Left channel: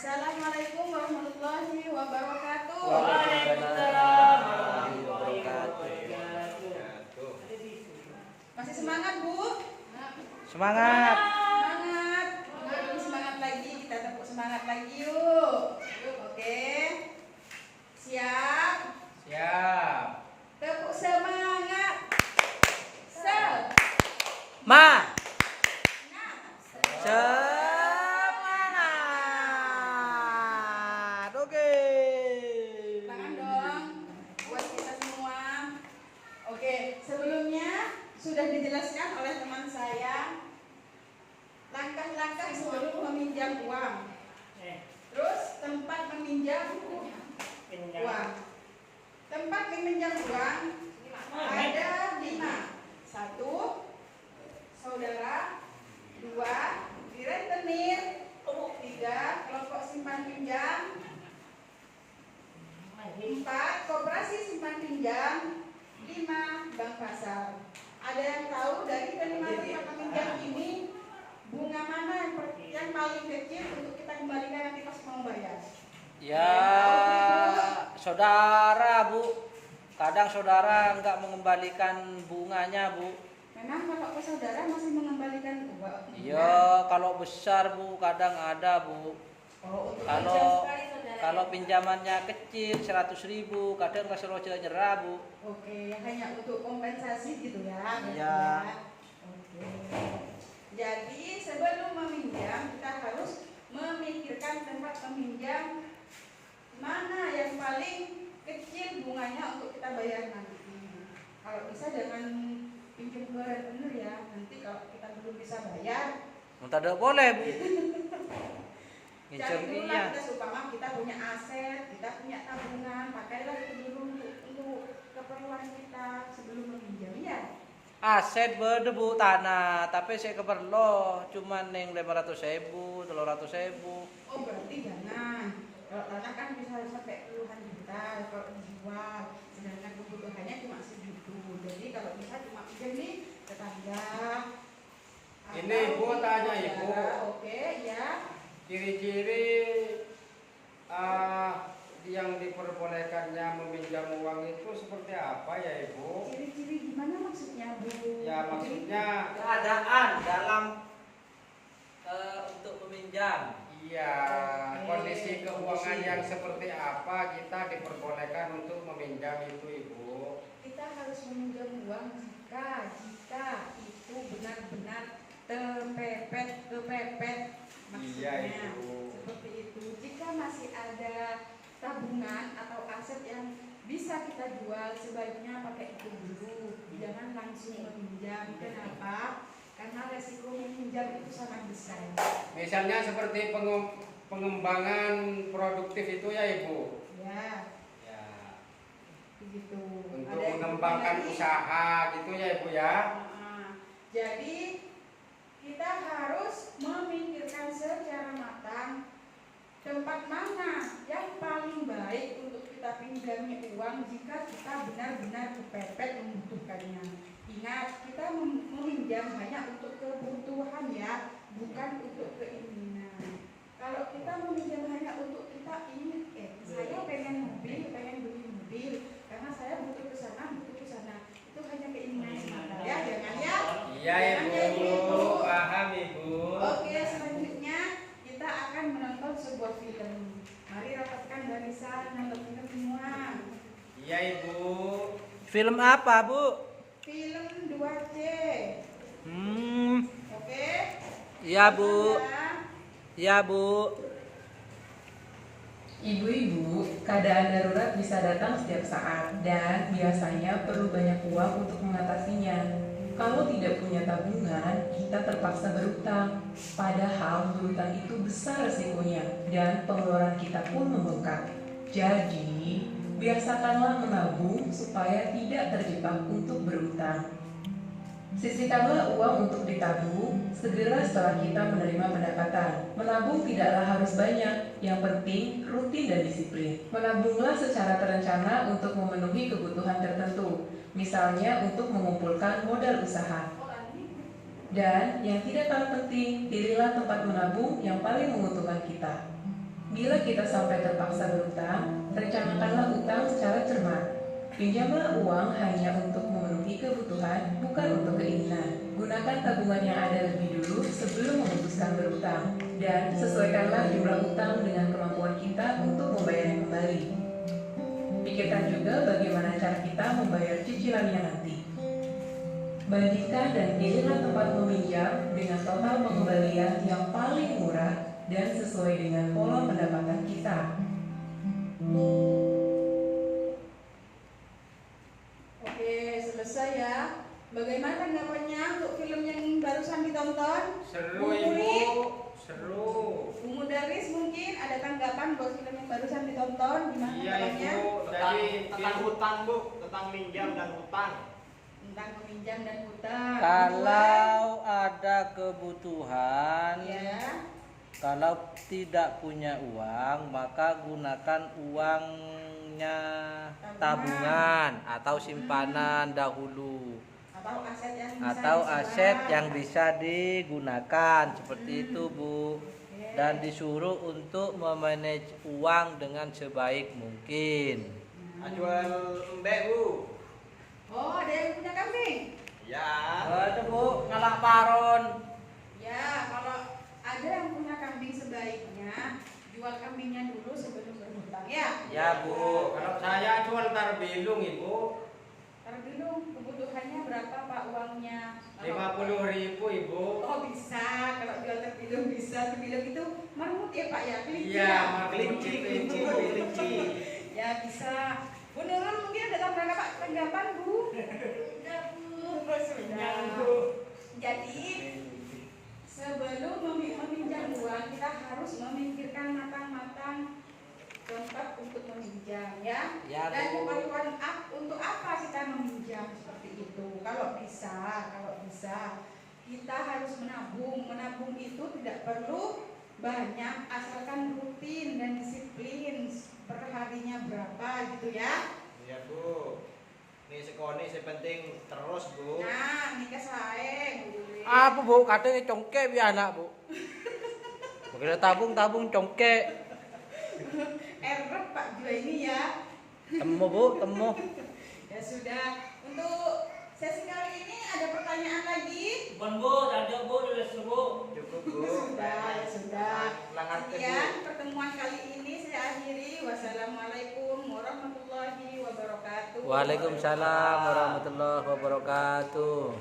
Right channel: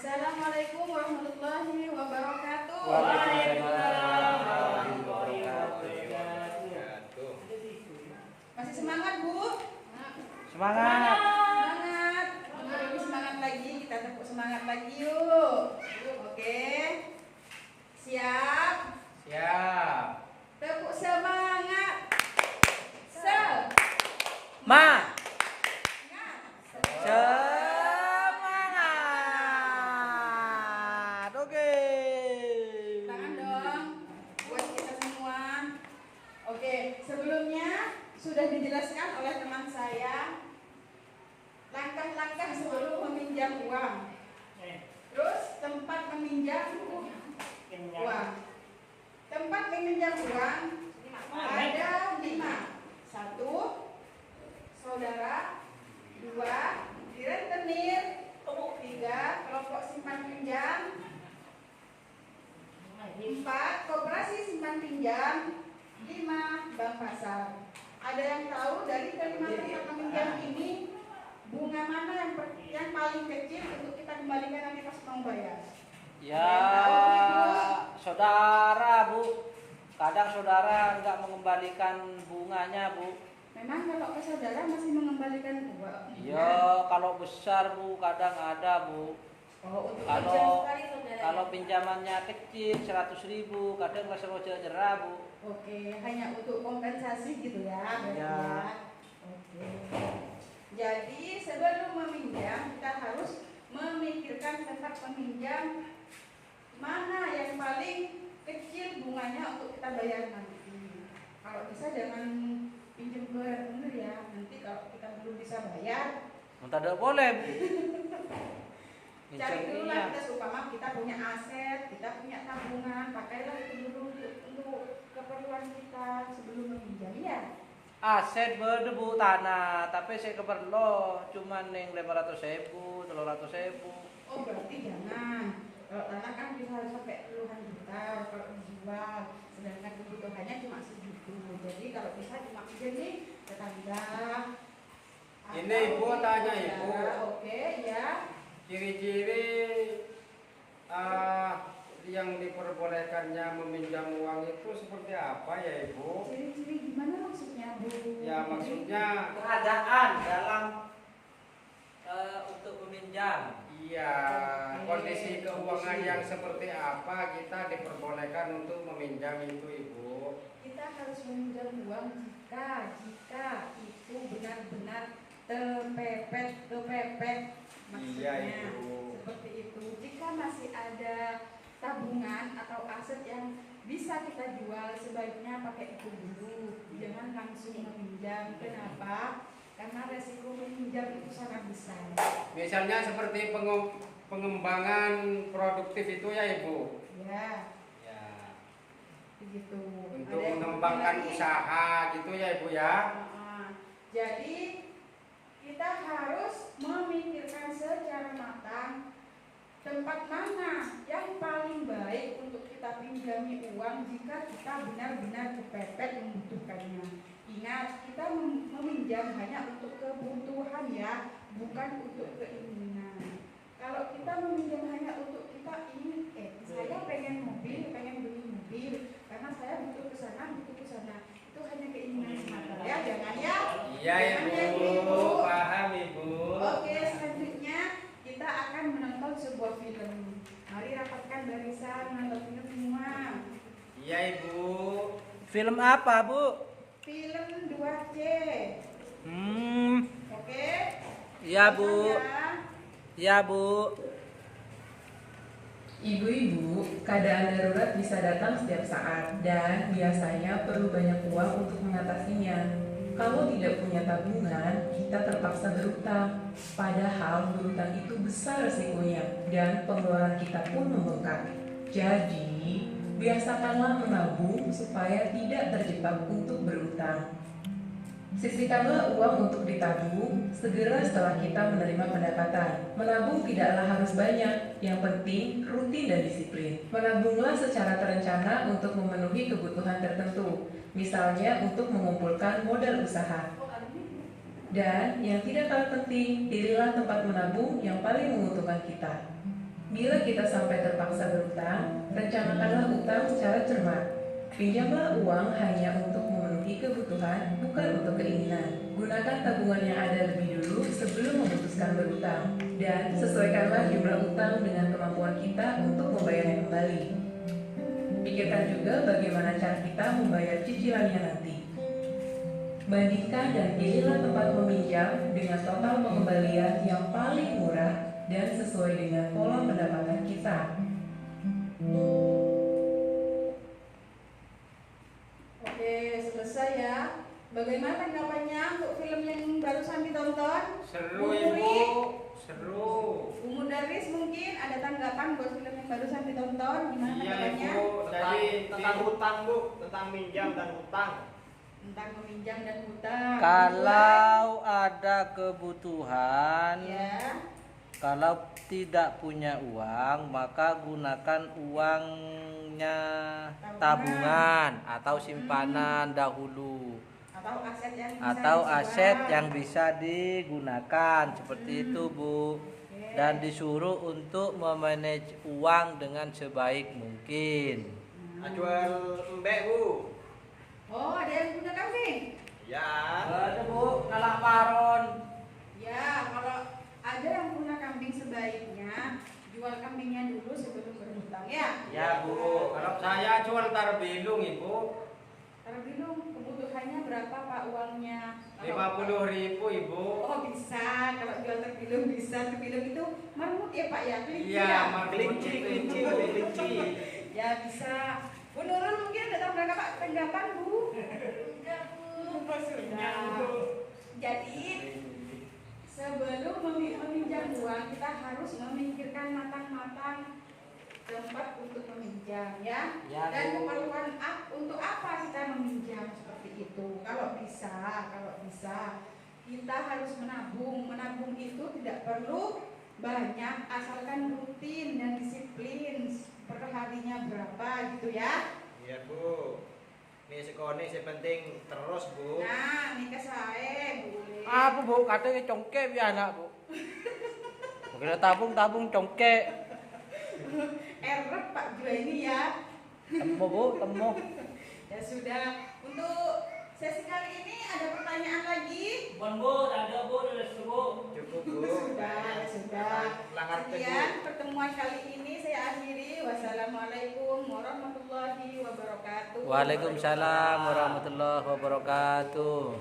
Assalamualaikum warahmatullahi wabarakatuh. Waalaikumsalam warahmatullahi wabarakatuh. Masih semangat, Bu? Semangat. Semangat. Ini semangat lagi, kita tepuk semangat lagi yuk. Oke. Siap? Siap. Tepuk semangat. Semangat. Semangat. Oke. Tangan dong buat kita semua. Oke, sebelumnya sudah dijelaskan oleh teman saya langkah-langkah sebelum meminjam uang. Terus tempat meminjam uang. Tempat meminjam uang ada 5. 1. Saudara. 2. Di rentenir. 3. Kelompok simpan pinjam. 4. Koperasi simpan pinjam. 5. Bank pasar. Ada yang tahu dari kelima tempat meminjam ini bunga mana yang paling kecil untuk kita kembalikan nanti pas mau bayar? Ya, saudara Bu, kadang saudara nggak mengembalikan bunganya Bu. Memang kalau ke saudara masih mengembalikan uang? Iya, kalau besar Bu, kadang ada Bu. Oh, untuk Kalau pinjamannya kecil 100.000, kadang masih roja jerah Bu. Oke, hanya untuk kompensasi gitu ya? Iya. Oke. Jadi sebelum meminjam kita harus memikirkan tempat peminjam mana yang paling kecil bunganya untuk kita bayar nanti. Kalau bisa jangan pinjam ke rentenir ya, nanti kalau kita belum bisa bayar. Tidak boleh Bu. Cari dulu lah kita supaya kita punya aset, kita punya tabungan, pakailah itu dulu untuk keperluan kita sebelum meminjam ya. Aset berdebu tanah, tapi saya keperlo cuman yang 500.000, 300.000. Oh berarti jangan. Kalau tanah kan bisa sampai puluhan juta kalau dijual, sedangkan kebutuhannya cuma segitu. Jadi kalau bisa cuma pinjam nih tetangga. Ini Ibu tanya Ibu. Oke ya. Ciri-ciri yang diperbolehkannya meminjam uang itu seperti apa ya Ibu? Ciri-ciri gimana maksudnya Bu? Ya maksudnya Keadaan dalam untuk meminjam. iya, Oke. kondisi keuangan yang seperti apa kita diperbolehkan untuk meminjam itu Ibu? Kita harus meminjam uang jika itu benar-benar kepepet maksudnya. Iya, Ibu. Seperti itu. Jika masih ada tabungan atau aset yang bisa kita jual, sebaiknya pakai itu dulu. Jangan langsung meminjam. Kenapa? Karena resiko meminjam itu sangat besar. Misalnya seperti pengembangan produktif itu ya Ibu? Ya, Ya, begitu. untuk Ada yang mengembangkan lagi? usaha gitu ya Ibu ya? Jadi kita harus memikirkan secara matang tempat mana yang paling baik untuk kita pinjami uang jika kita benar-benar kepepet membutuhkannya. Ingat, kita meminjam hanya untuk kebutuhan ya, bukan untuk keinginan. Kalau kita meminjam hanya untuk kita ingin, saya pengen mobil, pengen beli mobil, karena saya butuh ke sana, itu hanya keinginan semata ya, jangan ya. Iya Jangan ya, Ibu, paham Ibu. Oke, selanjutnya kita akan menonton sebuah film. Mari rapatkan barisan, nonton semua. Iya Ibu. Film apa Bu? Film 2C. Oke. Iya Bu. Sandra. Iya Bu. Ibu-ibu, keadaan darurat bisa datang setiap saat dan biasanya perlu banyak uang untuk mengatasinya. Kalau tidak punya tabungan, kita terpaksa berutang. Padahal berutang itu besar resikonya dan pengeluaran kita pun membengkak. Jadi, biasakanlah menabung supaya tidak terjebak untuk berutang. Sisihkanlah uang untuk ditabung segera setelah kita menerima pendapatan. Menabung tidaklah harus banyak, yang penting rutin dan disiplin. Menabunglah secara terencana untuk memenuhi kebutuhan tertentu, misalnya untuk mengumpulkan modal usaha. Dan yang tidak kalah penting, pilihlah tempat menabung yang paling menguntungkan kita. Bila kita sampai terpaksa berutang, rencanakanlah utang secara cermat. Pinjamlah uang hanya untuk memenuhi kebutuhan, bukan untuk keinginan. Gunakan tabungan yang ada lebih dulu sebelum memutuskan berutang, dan sesuaikanlah jumlah utang dengan kemampuan kita untuk membayarnya kembali. Pikirkan juga bagaimana cara kita membayar cicilannya nanti. Bandingkan dan pilihlah tempat meminjam dengan total pengembalian yang paling murah dan sesuai dengan pola pendapatan kita. Oke, selesai ya. Bagaimana tanggapannya untuk film yang barusan ditonton? Seru Bu ibu, Puri? seru. Bu Mudaris mungkin ada tanggapan buat film yang barusan ditonton? Gimana Iya tanggapannya? ibu, tadi Tentang hutang bu, tentang minjam dan hutang. Tentang meminjam dan hutang. Kalau ada kebutuhan, Ya. kalau tidak punya uang, maka gunakan uangnya tabungan atau simpanan dahulu, Atau aset yang bisa atau disewa. aset yang bisa digunakan seperti itu Bu. Oke. Dan disuruh untuk memanage uang dengan sebaik mungkin. Ajual embek bu. Oh, ada yang punya kambing? Ya. Itu Bu, ngalak paron. Ya, kalau ada yang punya kambing sebaiknya jual kambingnya dulu sebelum berhutang ya. Ya Bu. Kalau saya jual terbilung ibu, Terbilung kebutuhannya berapa Pak uangnya? 50.000 ibu. Oh bisa, kalau jual terbilung bisa. Terbilung itu marmut ya Pak ya, kelinci Iya, ya? Kelinci, kelinci, bu, kelinci. Ya bisa. Bu Nurul mungkin ada tanggapan Bu? Sudah. Jadi sebelum meminjam uang kita harus memikirkan matang-matang tempat untuk meminjam ya. Ya, Dan Bu. keperluan untuk apa kita meminjam seperti itu. Kalau bisa kita harus menabung. Menabung itu tidak perlu banyak, asalkan rutin dan disiplin. Per harinya berapa gitu ya. Iya bu. Ini sekoni penting terus bu. Nah, nikah saya boleh. Apa Bu? Kadang congke biar anak Bu. Bila tabung congke. Erep Pak Jua ini ya. Temu Bu, temu. Ya sudah. Untuk sesi kali ini ada pertanyaan lagi? Bukan Bu, ada Bu, Bu. Cukup bu. Ya sudah. Langar Sekian pertemuan kali ini saya akhiri. Wassalamualaikum warahmatullahi wabarakatuh. Waalaikumsalam warahmatullahi wabarakatuh.